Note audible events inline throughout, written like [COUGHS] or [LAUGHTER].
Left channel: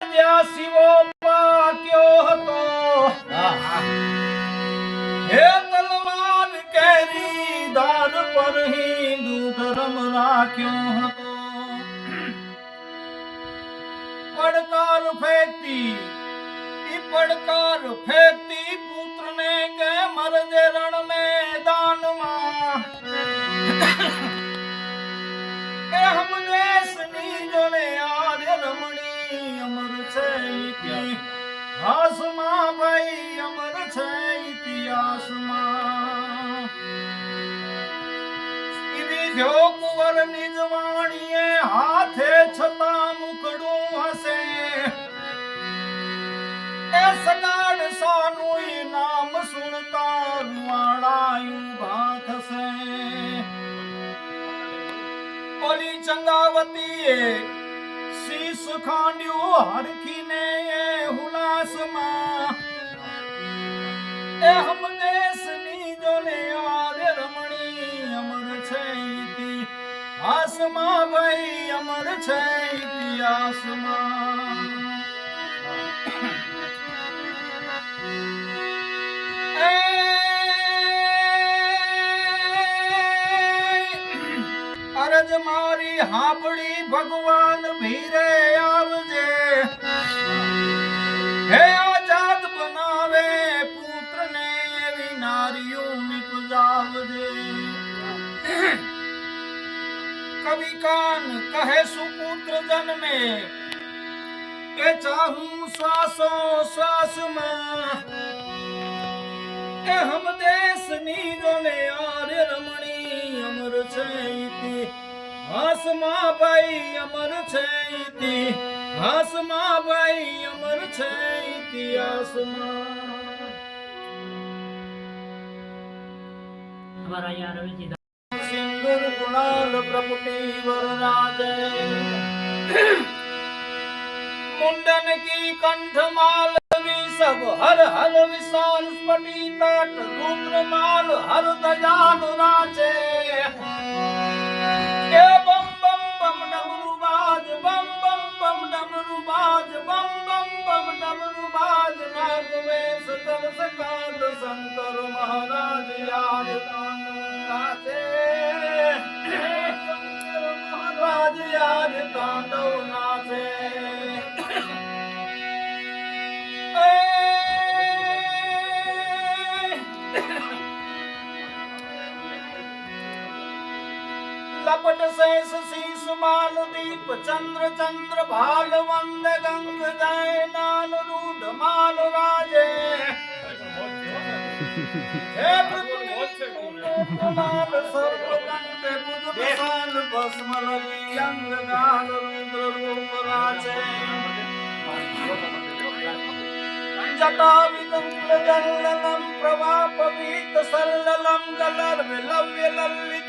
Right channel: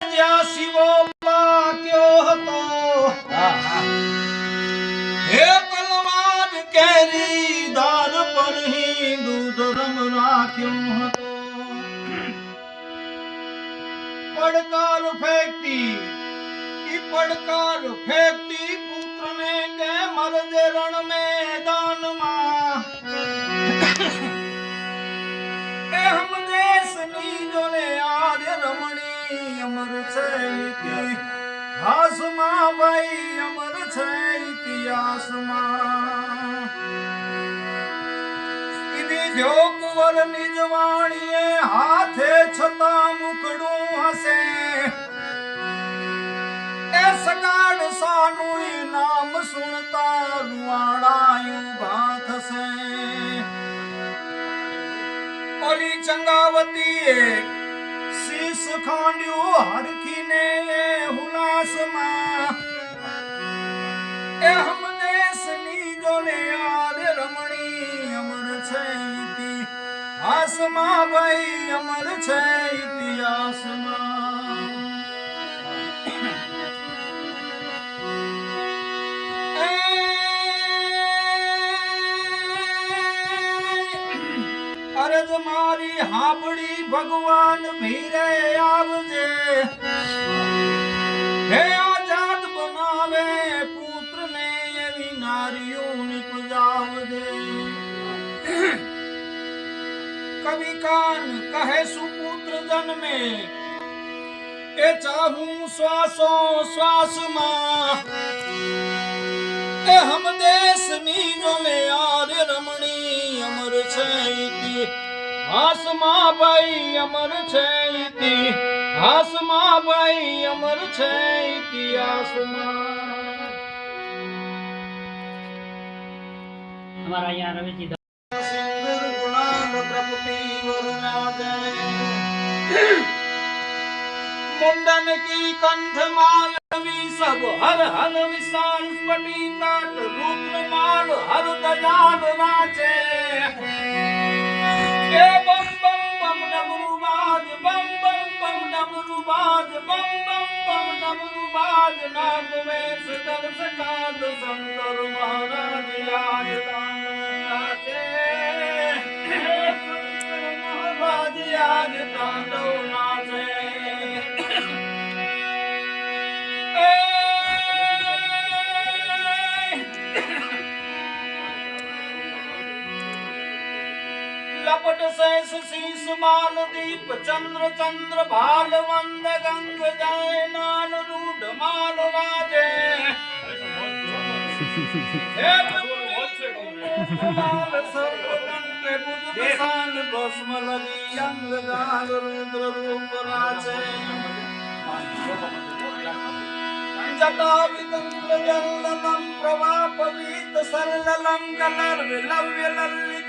જ્યાં શિવો પાક્યો હતો હે તલવાર કેરી ધાર પર હિન્દુ ધર્મ રાખ્યો હતો. પડકાર ફેંકતી ઈ પડકાર ફેંકતી પુત્રને કે મરજે રણ મેદાનમાં વિધ્યો કુંવર નિજવાણીએ હાથે છતાં મુકડું હશે. એ સગાડ સાનું નામ સુણતા રૂવાડાયું ભા થશે ઓલી શીશ ખાંડ્યું હરખીને એ હમ દેશની જોને યાદ રમણી અમર છે. ઇતિહાસમાં ભાઈ અમર છે ઇતિહાસમાં. અરજ મારી હાંભળી ભગવાન ભીરે આવજે. હે આઝાદ બનાવે પુત્રને એવી નારીઓ નિપજાવજે. કવિ કાન કહે સુપુત્ર જન્મે, એ ચાહું શ્વાસો શ્વાસમાં. એ હમ દેશની જોને આર્ય રમણી અમર છે ઇતિહાસમાં ભાઈ અમર છે ઇતિહાસમાં ભાઈ અમર છે ઇતિહાસમાં અમારા અહીંયા રવિજી मुंडन की कंठ मालवी सब हर हर विशाल स्फटी तट रुद्र माल हर दयाल राजे ए बम बम बम डमरू बाज बम बम बम डमरू बाज बम बम बम डमरू बाज नाग वेश कर सकाद शंकर महाराज याद नाचे लपट शेष शीस माल दीप चंद्र चंद्र भाल वंद गंग जय नाल रूढ़ माल राजे हे माल सर्व कंठ बुध विशाल भस्म लगी अंग गाल रुद्र रूप राजे जटा विकंल जल्ललम प्रवापवीत सल्ललम कलर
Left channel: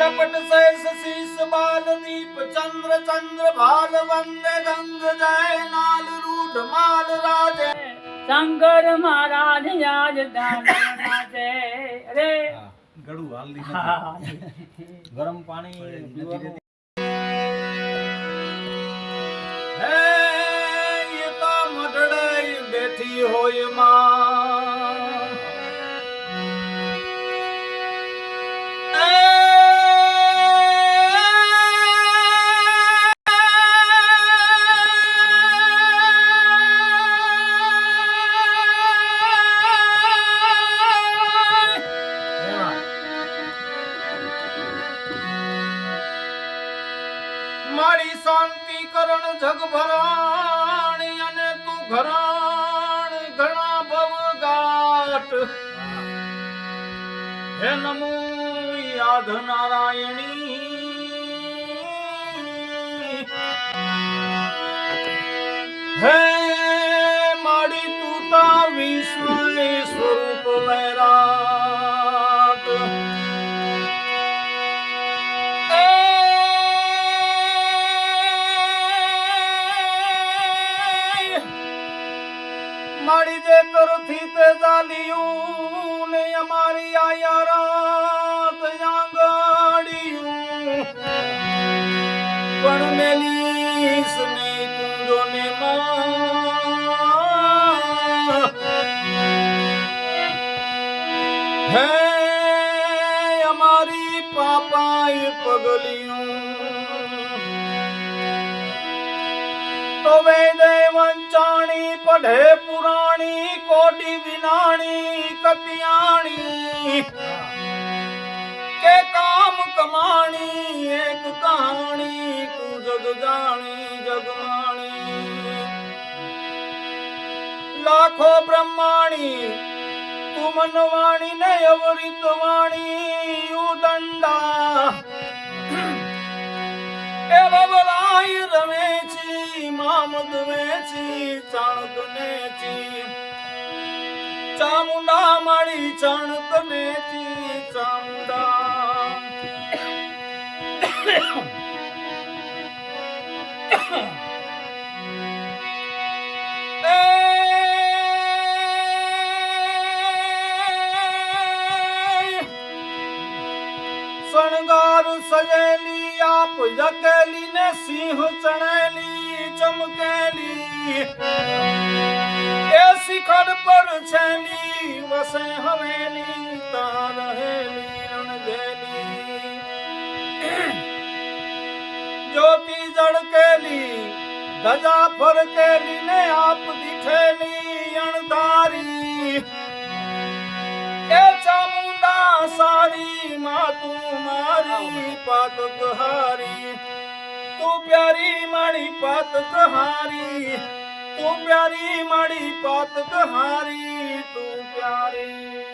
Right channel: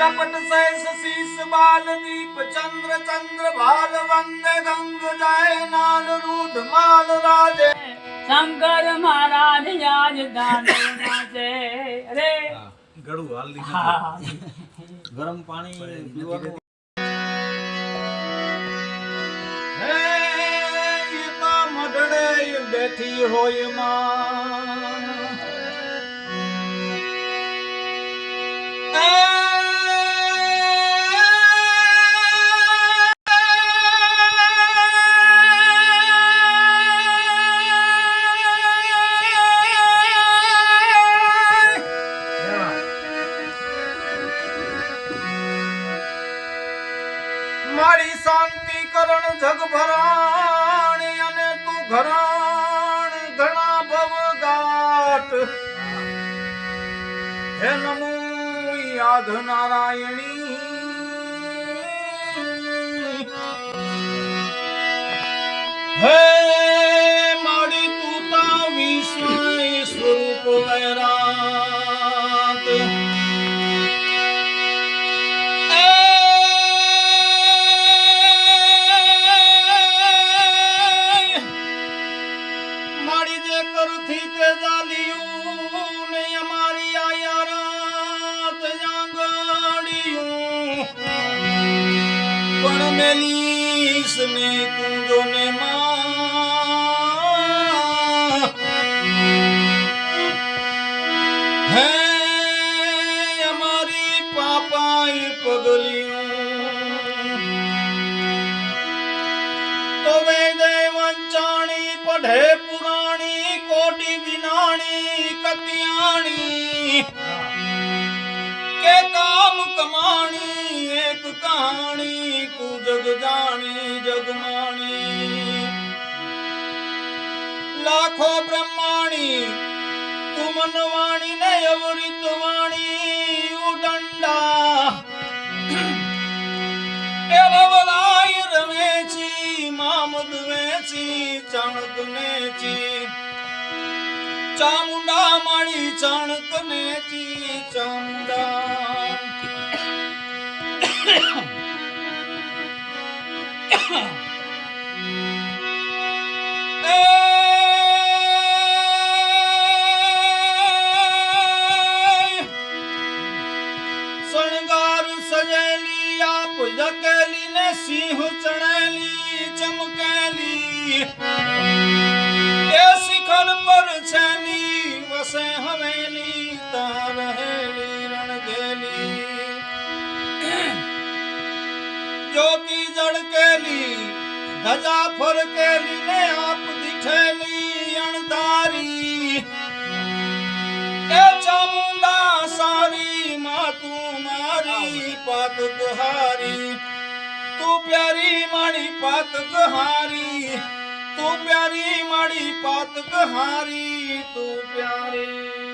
लपट सह शीस बाल दीप चंद्र चंद्र भाल वंद रंग जय नाल रूढ़ माल राजे शंकर महाराज आज दान नाचे अरे गड़ू हाल दी गरम पानी ये ता मडड़े बैठी होय मां મારી શાંતિ કરણ જગ ભરાણી અને તું ઘરાણ ઘણા ભવ ગાટ હે નમો યાદ નારાયણી હે માડી તું તા વિષ વૈરાત પણ મેલીસ ને કુંડો ને હે અમારી પાપાઈ પગલિયું. તો વેદે વંચાણી પઢે પુરાણી, કોટી વિનાણી, કતિયાણી. એક કહાણી તું જગ જાણી જગમાણી લાખો બ્રહ્માણી, તું મનવાણી ને અવરિત વાણી. ઉદંડા એ વવરાય રમેચી, મામદ વેચી, ચાણક નેચી. ચામુંડા માળી, ચાણક નેચી, ચામુંડા [COUGHS] શણગાર સજેલી આપ જકેલી ને સિંહ ચણેલી, ચમકેલી. એ શિખર પર છેલી, વસે હવેલી તા રહેલી. જળકેલી ધજા ફરકેલી ને આપ દીઠેલી અણધારી. એ ચામુંડા સારી માં તું મારી પાત ગહારી તું પ્યારી મારી પાત ગહારી તું પ્યારી મારી પાત ગહારી તું પ્યારી.